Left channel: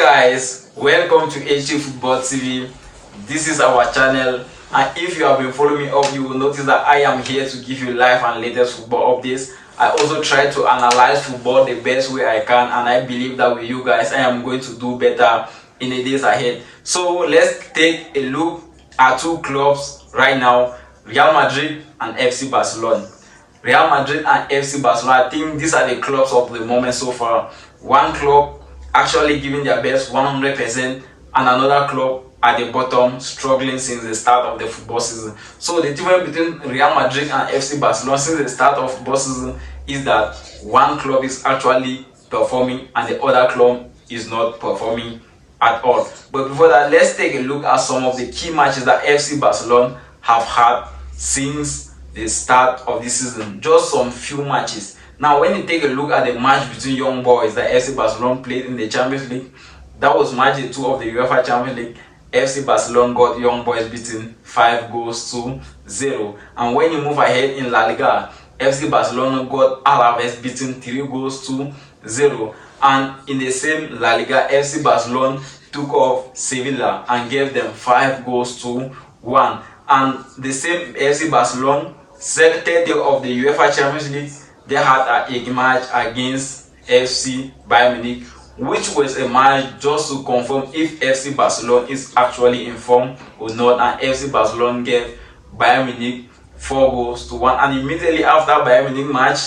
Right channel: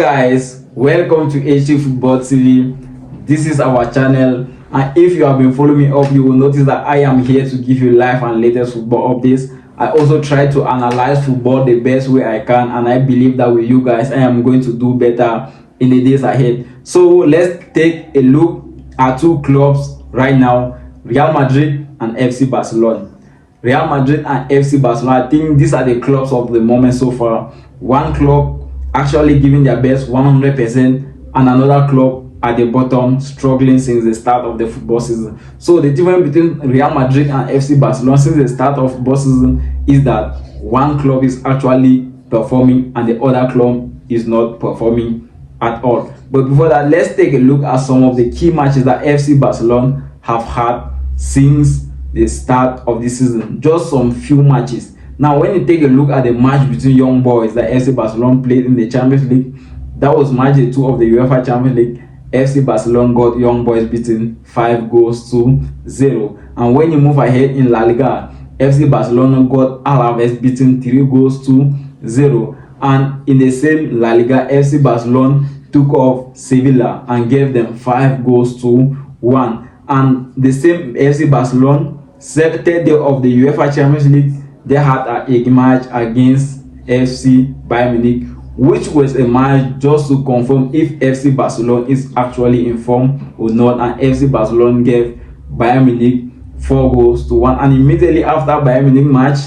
Guys, welcome to HT Football TV. This is our channel, and if you have been following me up, you will notice that I am here to give you live and latest football updates. I also try to analyze football the best way I can, and I believe that with you guys I am going to do better in the days ahead. So let's take a look at two clubs right now, Real Madrid and FC Barcelona. Real Madrid and FC Barcelona, I think these are the clubs of the moment so far. One club actually giving their best 100%, and another club at the bottom struggling since the start of the football season. So the difference between Real Madrid and FC Barcelona since the start of football season is that one club is actually performing and the other club is not performing at all. But before that, let's take a look at some of the key matches that FC Barcelona have had since the start of the season. Just some few matches. Now, when you take a look at the match between Young Boys that FC Barcelona played in the Champions League, that was match 2 of the UEFA Champions League. FC Barcelona got Young Boys beaten 5-0. And when you move ahead in La Liga, FC Barcelona got Alaves beaten 3-0. And in the same La Liga, FC Barcelona took off Sevilla and gave them 5-1. And the same FC Barcelona, third day of the UEFA Champions League, they had a match against FC Bayern Munich, which was a match just to confirm if FC Barcelona is actually in form or not. And FC Barcelona gave Bayern Munich 4-1. And immediately after Bayern Munich match,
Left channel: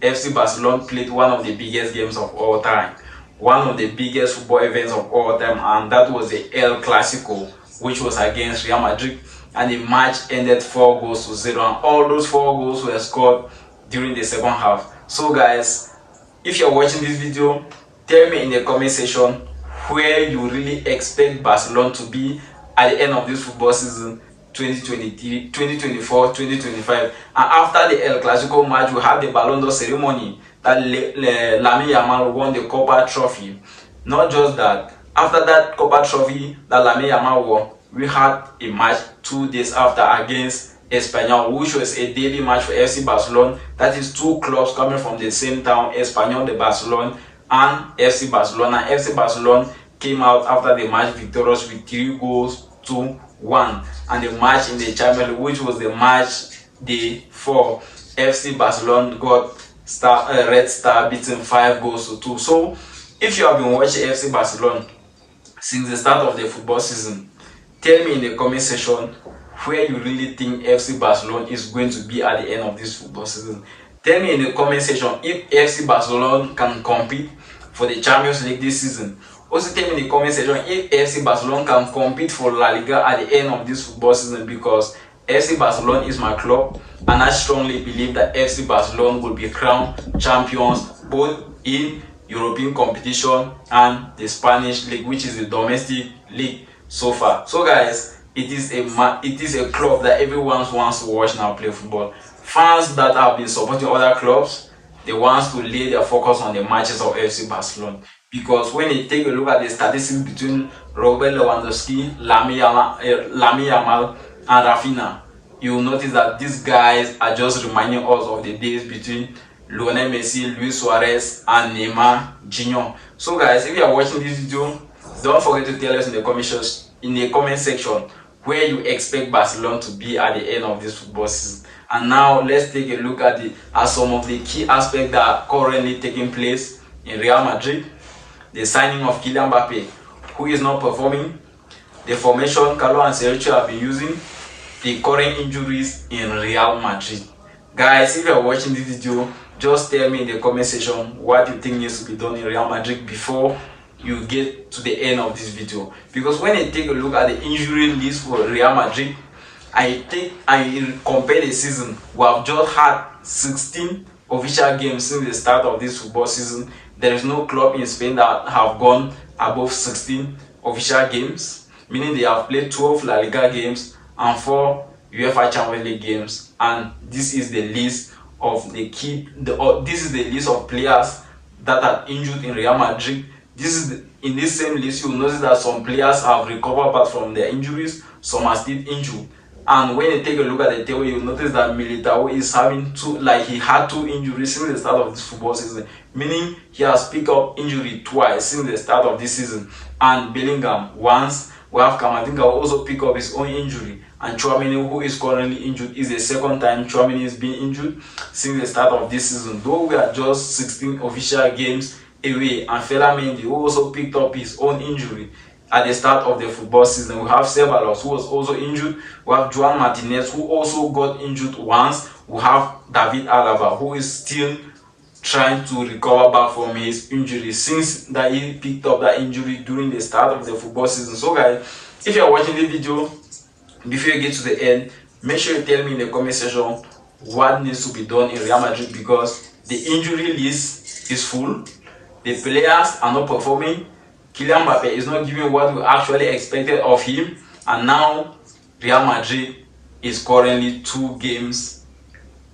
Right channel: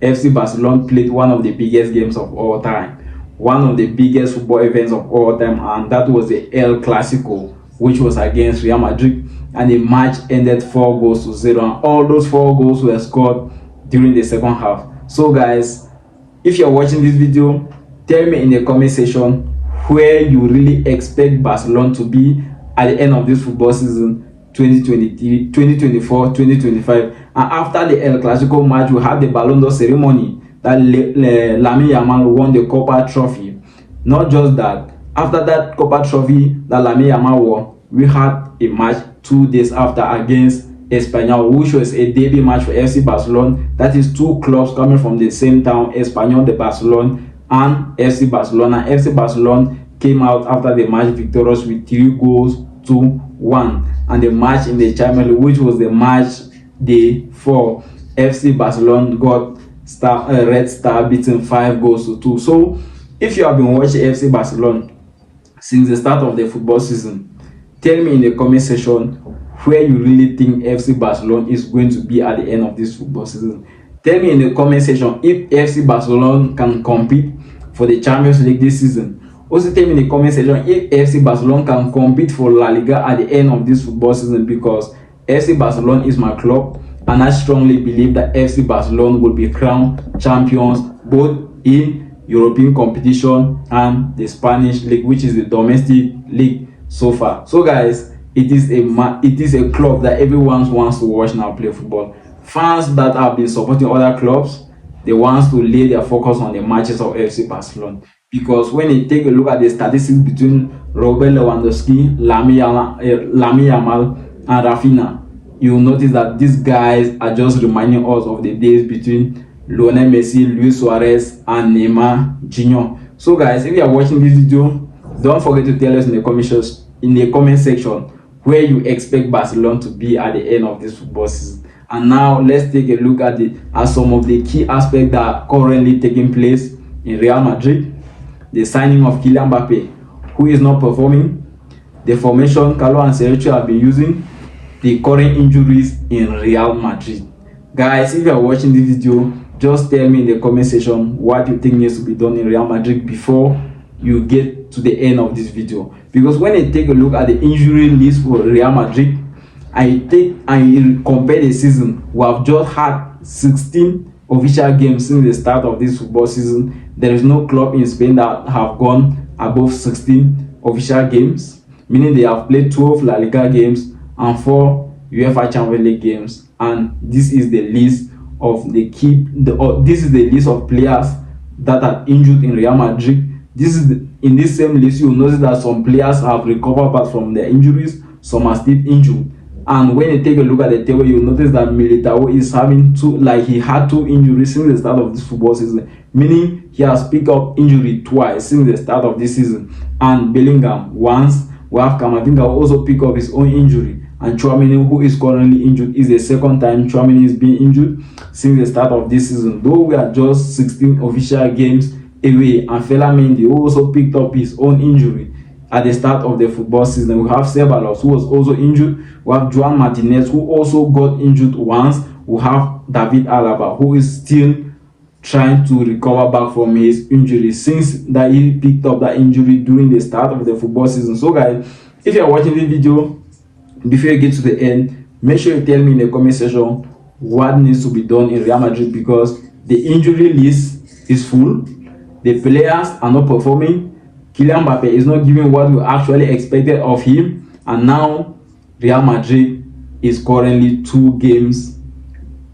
FC Barcelona played one of the biggest games of all time, one of the biggest football events of all time, and that was the El Clasico, which was against Real Madrid. And the match ended 4-0, and all those 4 goals were scored during the second half. So guys, if you're watching this video, tell me in the comment section where you really expect Barcelona to be at the end of this football season 2023, 2024, 2025. And after the El Clasico match, we had the Ballon d'Or ceremony that Lamine Yamal won the Copa Trophy. Not just that, after that Copa Trophy that Lamine Yamal won, we had a match 2 days after against Espanyol, which was a debut match for FC Barcelona. That is 2 clubs coming from the same town, Espanyol de Barcelona and FC Barcelona. FC Barcelona came out after the match victorious with 3-1. And the match in the Champions League, which was the match day 4, FC Barcelona got Red Star beaten 5-2. So if you have been watching FC Barcelona since the start of the football season, tell me in the comment section where you really think FC Barcelona is going to be at the end of this football season. Tell me in the comment section if FC Barcelona can compete for the Champions League this season. Also tell me in the comment section if FC Barcelona can compete for La Liga at the end of this football season, because FC Barcelona is my club and I strongly believe that FC Barcelona will be crowned champions both in European competition and the Spanish league, which is the domestic league so far. So guys, it is a club that everyone wants to watch now play football. Fans that have been supporting other clubs, they want to lay their focus on the matches of FC Barcelona, because when you take a look at the statistics between Robert Lewandowski, Lamine Yamal and Rafinha, you will notice that these guys are just reminding us of the days between Lionel Messi, Luis Suarez and Neymar Jr. So guys, if you are watching this video, don't forget to tell us in the comment section where you expect Barcelona to be at the end of this football season. And now let's take a look at some of the key aspects that are currently taking place in Real Madrid. The signing of Kylian Mbappe, who is not performing, the formation Carlo Ancelotti have been using, the current injuries in Real Madrid. Guys, if you are watching this video, just tell me in the comment section what you think needs to be done in Real Madrid before you get to the end of this video. Because when I take a look at the injury list for Real Madrid, I compare the season, we have just had 16 official games since the start of this football season. There is no club in Spain that have gone above 16 official games, meaning they have played 12 La Liga games and 4 UEFA Champions League games. And this is the list of this is the list of players that are injured in Real Madrid. In this same list, you will notice that some players have recovered back from their injuries, some are still injured. And when you take a look at the table, you'll notice that Militao is having he had 2 injuries since the start of this football season, meaning he has picked up injury twice since the start of this season. And Bellingham once. We have Kamavinga also pick up his own injury, and Tchouaméni, who is currently injured, is the second time Tchouaméni is being injured since the start of this season. Though we are just 16 official games away, and Mendy, who also picked up his own injury at the start of the football season. We have Ceballos, who was also injured. We have Joan Martinez, who also got injured once. We have David Alaba, who is still trying to recover back from his injury since that he picked up that injury during the start of the football season. So guys, if you are watching this video, before you get to the end, make sure you tell me in the comment section what needs to be done in Real Madrid, because the injury list is full, the players are not performing, Kylian Mbappe is not giving what we actually expected of him, and now Real Madrid is currently 2 games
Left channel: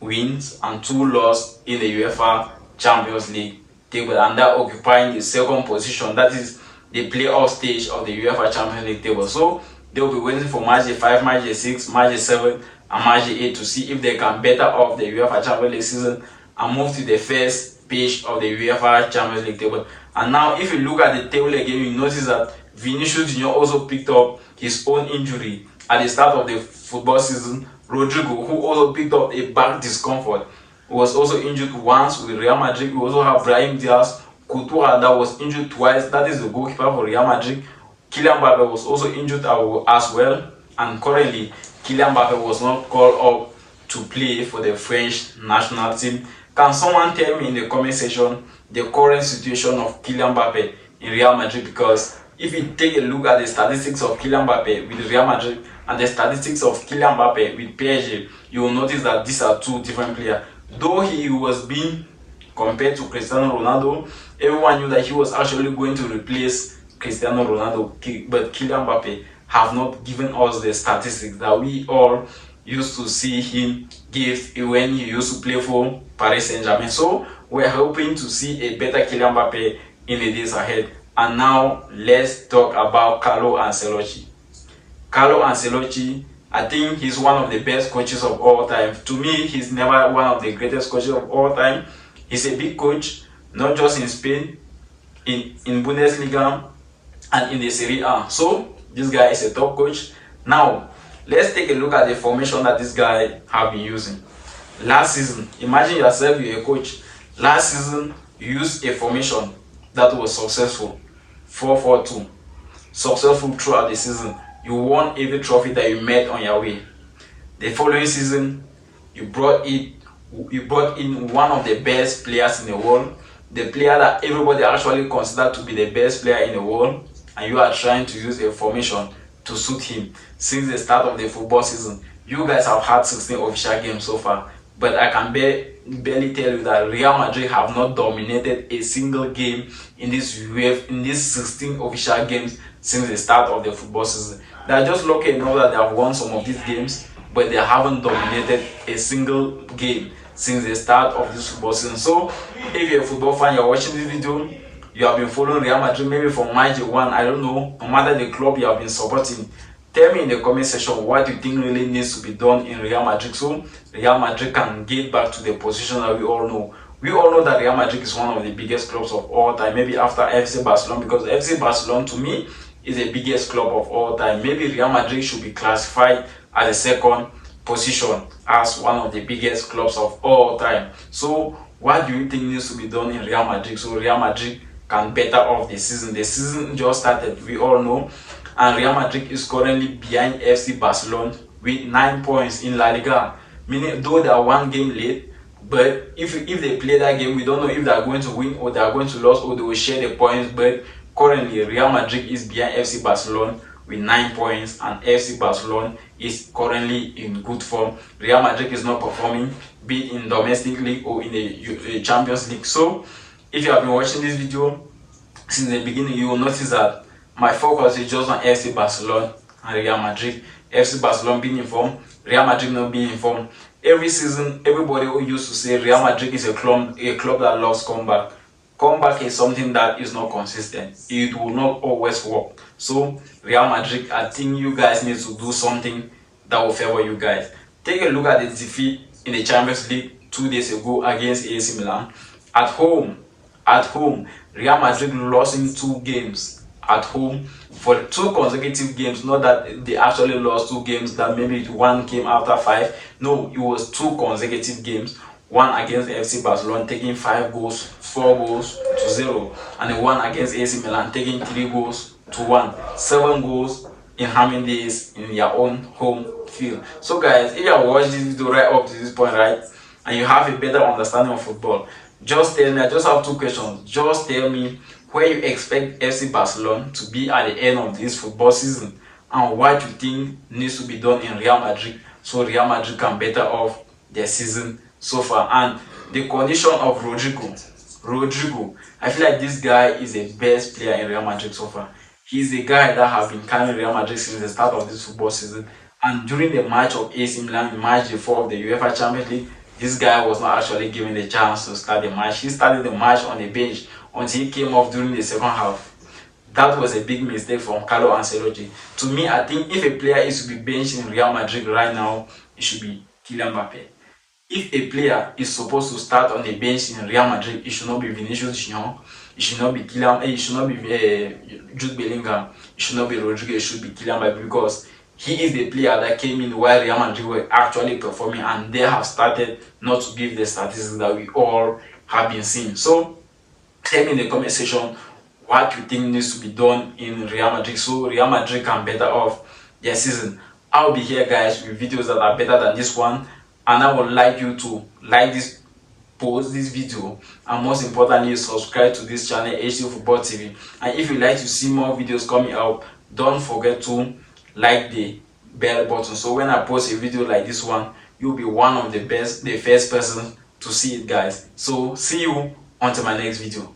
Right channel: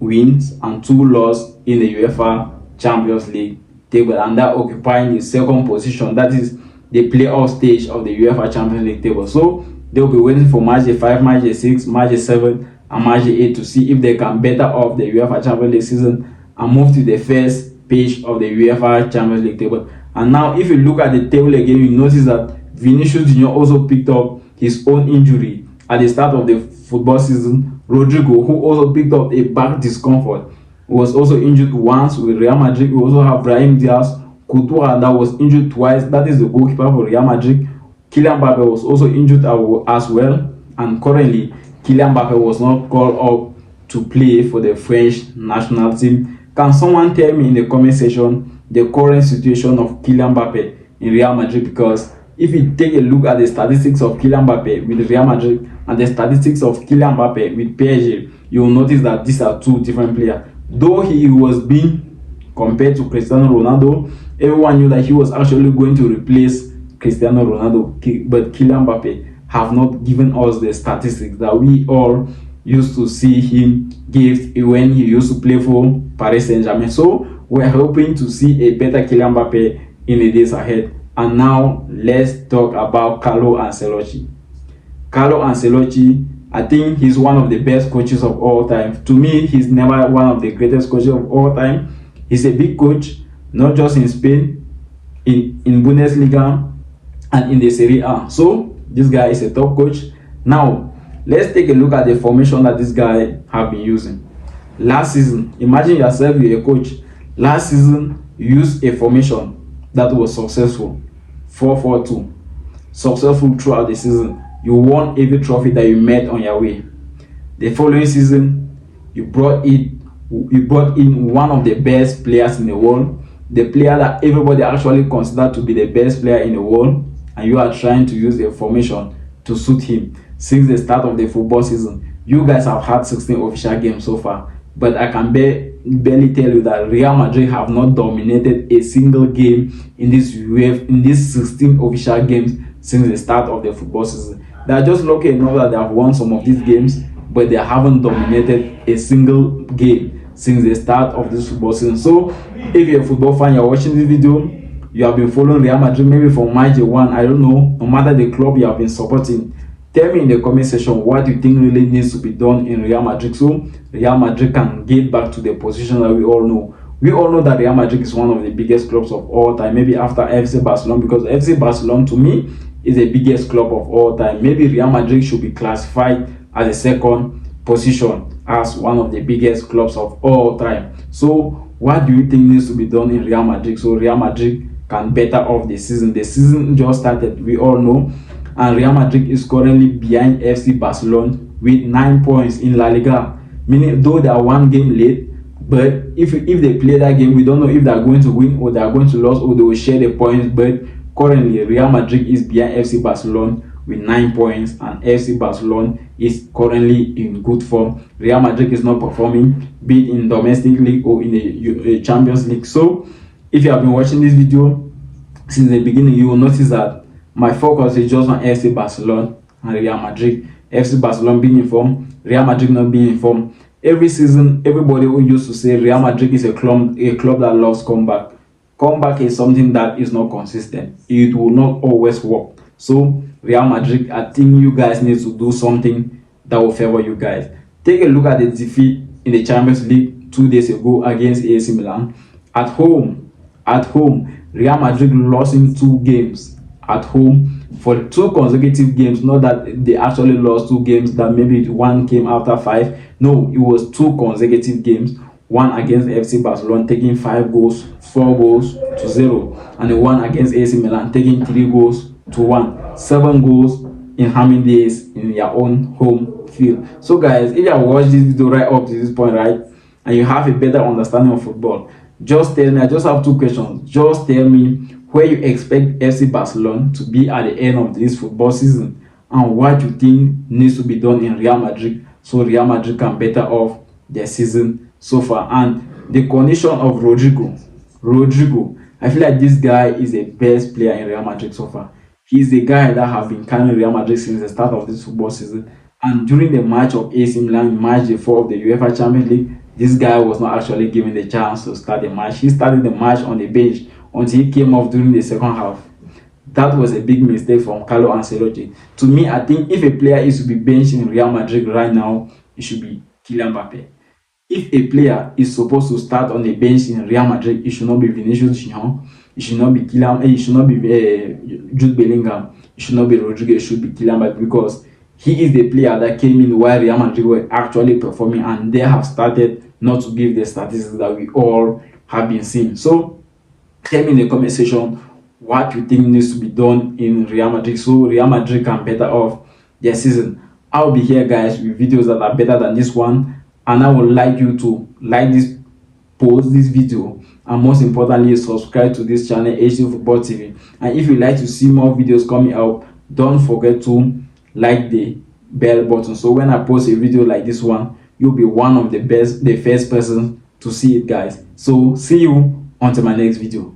wins and 2 losses in the UEFA Champions League table, and that occupying the second position, that is the playoff stage of the UEFA Champions League table. So they'll be waiting for match day 5, match day 6, match day 7 and match day 8 to see if they can better off the UEFA Champions League season and move to the first page of the UEFA Champions League table. And now if you look at the table again, you notice that Vinicius Junior also picked up his own injury at the start of the football season. Rodrigo, who also picked up a back discomfort, was also injured once with Real Madrid. We also have Brahim Diaz, Courtois, that was injured twice. That is the goalkeeper for Real Madrid. Kylian Mbappe was also injured as well, and currently Kylian Mbappe was not called up to play for the French national team. Can someone tell me in the comment section the current situation of Kylian Mbappe in Real Madrid? Because if you take a look at the statistics of Kylian Mbappe with Real Madrid and the statistics of Kylian Mbappe with PSG, you will notice that these are 2 different players. Though he was being compared to Cristiano Ronaldo, everyone knew that he was actually going to replace Cristiano Ronaldo, but Kylian Mbappe have not given us the statistics that we all used to see him give when he used to play for Paris Saint-Germain. So we're hoping to see a better Kylian Mbappe in the days ahead. And now let's talk about Carlo Ancelotti. Carlo Ancelotti, I think he's one of the best coaches of all time. To me, he's never one of the greatest coaches of all time. He's a big coach, not just in Spain, in Bundesliga and in the Serie A. So this guy is a top coach. Now let's take a look at the formation that this guy have been using. Last season, imagine yourself, you're a coach. Last season, you used a formation that was successful, 4-4-2, successful throughout the season. You won every trophy that you met on your way. The following season, you brought in one of the best players in the world, the player that everybody actually considered to be the best player in the world, and you are trying to use a formation to suit him. Since the start of the football season, you guys have had 16 official games so far, but I can barely tell you that Real Madrid have not dominated a single game in these 16 official games since the start of the football season. They are just lucky enough that they have won some of these games, but they haven't dominated a single game since the start of this football season. So if you're a football fan, you're watching this video, you have been following Real Madrid maybe from match day 1, I don't know, no matter the club you have been supporting, tell me in the comment section what you think really needs to be done in Real Madrid so Real Madrid can get back to the position that we all know. We all know that Real Madrid is one of the biggest clubs of all time, maybe after FC Barcelona, because FC Barcelona to me is the biggest club of all time. Maybe Real Madrid should be classified as a second position as one of the biggest clubs of all time. So what do you think needs to be done in Real Madrid so Real Madrid can better off the season? The season just started, we all know, and Real Madrid is currently behind FC Barcelona with 9 points in La Liga, meaning though they are 1 game late, but if they play that game, we don't know if they are going to win or they are going to lose or they will share the points. But currently Real Madrid is behind FC Barcelona with 9 points, and FC Barcelona is currently in good form. Real Madrid is not performing, be it in domestic league or in the Champions League. So if you have been watching this video since the beginning, you will notice that my focus is just on FC Barcelona and Real Madrid. FC Barcelona being in form, Real Madrid not being in form. Every season, everybody who used to say Real Madrid is a club that loves comeback. Comeback is something that is not consistent. It will not always work. So Real Madrid, I think you guys need to do something that will favor you guys. Take a look at the defeat in the Champions League 2 days ago against AC Milan. At home, Real Madrid lost in 2 games at home for 2 consecutive games. Not that they actually lost 2 games, that maybe one came after five. No, it was 2 consecutive games. One against FC Barcelona, taking 5 goals, 4 goals to 0, and the one against AC Milan, taking 3 goals to 1. 7 goals in how many days in your own home field. So guys, if you have watched this video right up to this point, right, and you have a better understanding of football, just tell me. I just have 2 questions. Just tell me where you expect FC Barcelona to be at the end of this football season, and what you think needs to be done in Real Madrid so Real Madrid can better off their season so far. And the condition of Rodrigo, I feel like this guy is the best player in Real Madrid so far. He's the guy that have been carrying Real Madrid since the start of this football season. And during the match of AC Milan, match 4 of the UEFA Champions League, this guy was not actually given the chance to start the match. He started the match on the bench until he came off during the second half. That was a big mistake from Carlo Ancelotti. To me, I think if a player is to be benched in Real Madrid right now, it should be Kylian Mbappe. If a player is supposed to start on the bench in Real Madrid, it should not be Vinicius Junior, it should not be it should not be Jude Bellingham, it should not be Rodrigo, it should be Kylian Mbappe, because he is the player that came in while Real Madrid were actually performing, and they have started not to give the statistics that we all have been seeing. So tell me in the comment section what you think needs to be done in Real Madrid so Real Madrid can better off their season. I'll be here, guys, with videos that are better than this one, and I would like you to like this post, this video, and most importantly subscribe to this channel, HD Football TV. And if you like to see more videos coming out, don't forget to like the bell button, so when I post a video like this one, you'll be the first person to see it, guys. So see you until my next video.